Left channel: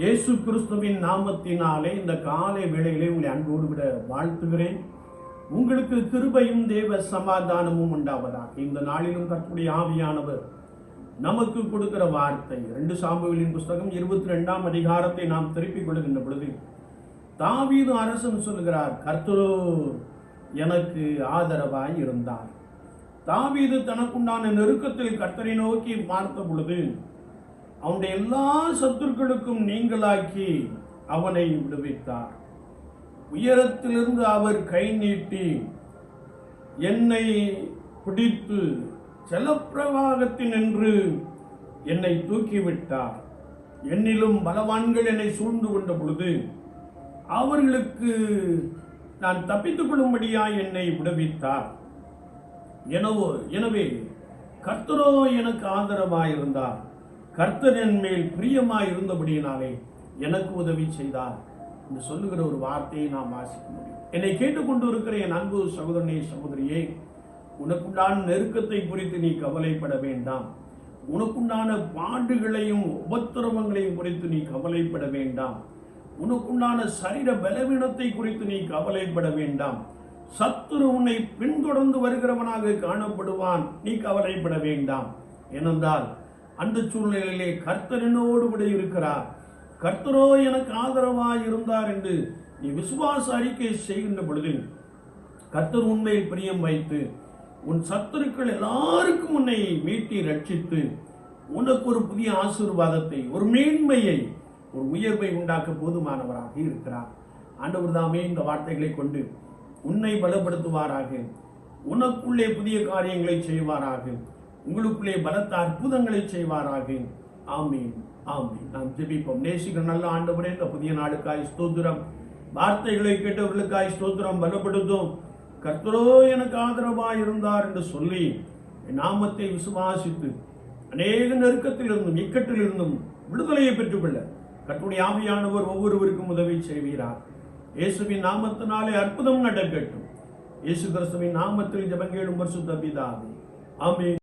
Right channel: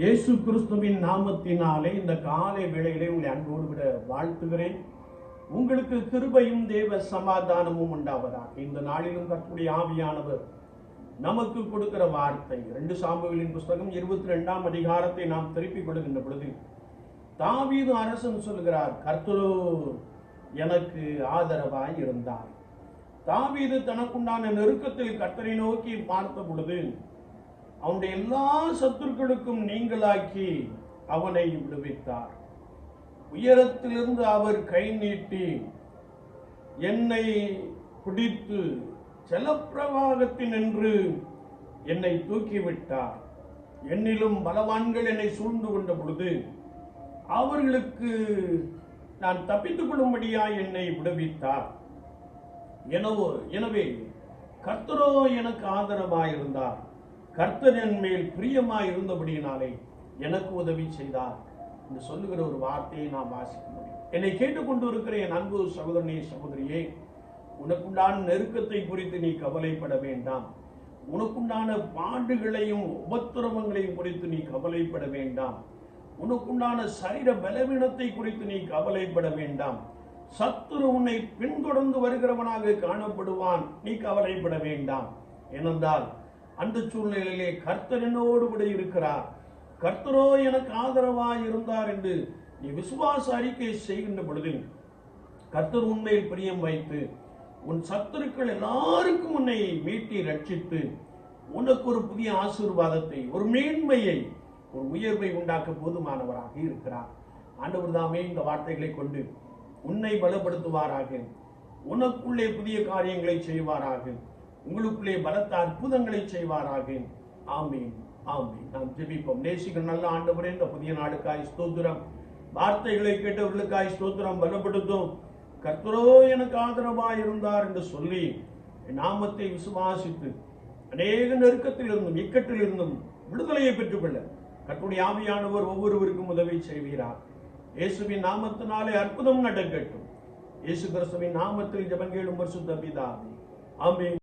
இயேசு கிறிஸ்துவின் நாமத்தினாலே இந்த காலை வேளையிலே உங்களை அன்போடு விட வாழ்த்துகிறேன். உங்களுக்கு கிருபையும் தேவ சமாதானமும் உண்டாவதாக. இந்த நாளிலும் கற்புடைய ஆவியானவர் நமக்கு கொடுக்கிற வார்த்தை. ரெண்டு சாம்புகளின் புஸ்தகம் இருபத்தி ரெண்டாம் அதிகாரத்தை நாம் திருப்பிக் கொள்கின்ற பொழுது தாவீது அரசன் சொல்கிறார் கர்த்தரோ எனக்கு ஆதரவாய் இருந்தார் தாவீது தனக்குண்டான நெருக்கத்தில் கர்த்தரை நோக்கி பார்த்த பொழுது அவனுடைய எல்லா சத்துருக்களுக்கும் நீங்களாக்கி அவனை விடுவித்தார். உயரத்திலிருந்து அவர் கை நீட்டி என்னை பிடித்து ஜலப்பிரவாகத்தில் நின்று என்னை தூக்கிவிட்டார். என்னிலும் பலவான்கள் என்னை சூழ்ந்து கொண்ட பொழுது அவர்களுக்கு நான் தப்பித்துக் கொள்ளும்படியா என்னை விடுவித்தார். எனவோ எனவே கர்த்தரோ எனக்கு ஆதரவாயிருந்தார். கர்த்தர் மேல் பிரியமாய் இருந்தபடியினாலே எனக்கு உதவி செய்தார் என்று சொல்லுகிற ஒரு வார்த்தையை நாம் வாசிக்க முடியும். என்னை கேட்டுக்கொண்டு இருக்கிற என் அன்பு சகோதரனே சகோதரியே உனக்குண்டான நெருக்கத்தை குறித்து நீ கவலைப்பட வேண்டாம். உனக்குண்டான பாண்டுகளையும் உபத்திரவங்களையும் குறித்து நீ கவலைப்பட வேண்டாம். உனக்குண்டான சரீர பலவீனத்தை குறித்து நீ கவலைப்பட வேண்டாம். சத்துரு உன்னை பின்தொடர்ந்து வருகிறவனாக காணப்படுவான். நீ கவலைப்பட வேண்டாம். ஏனென்றால் அந்த சூழ்நிலையிலே கர்த்தரனோடு கூட இருக்கிறார். கர்த்தரோ எனக்கு ஆதரவாய் இருந்தார் என்று நீ விசுவாச அறிக்கை செய்கின்ற பொழுது கர்த்தர் உண்மையில் பிரியம் வைத்து உன் சத்துருக்கள் எல்லாருக்கும் உன்னை மீட்டி ரட்சித்து உனக்கு ஒரு புதிய ஆசீர்வாதத்தை ஒரு மேன்மையை ஒரு உயர்வை உண்டாக்க போதுமானவராக இருக்கிறார். ஆண்டவர் தாமே இந்த வார்த்தைகளை கொண்டு உன்னை பலப்படுத்துவாராக உனக்குள்ளே புதிய காரியங்களை செய்வாராக உங்களுக்குள்ளே பலத்த அற்புதங்களை செய்வாராக. ஆமீன் ஆமீன். நாம் ஜெபிப்போம். நேசிக்கிற நல்ல ஆண்டவரே இந்த புதிய நாடுக்காய் ஸ்தோத்திரம். வார்த்தைகளை கேட்டவர்களுக்காய் ஸ்தோத்திரம். பலப்படுத்தும். கர்த்தரோ எனக்கு ஆதரவாய் இருந்தார் என்று சொல்லி நாமத்தை விசுவாசித்து அநேக நெருக்கத்தில் இருந்தும் இக்கட்டில் இருந்தும் விடுதலையை பெற்றுக்கொள்ள கற்புடைய ஆவியானவர் ஒவ்வொருவருக்கும் உதவி செய்வீரார் இயேசுவின் நாமத்தினாலே அற்புதம் நடக்கட்டும். இயேசு கிறிஸ்துவின் நாமத்தில் ஜபங்கேடும் வருஷம் பிதாவே. ஆமே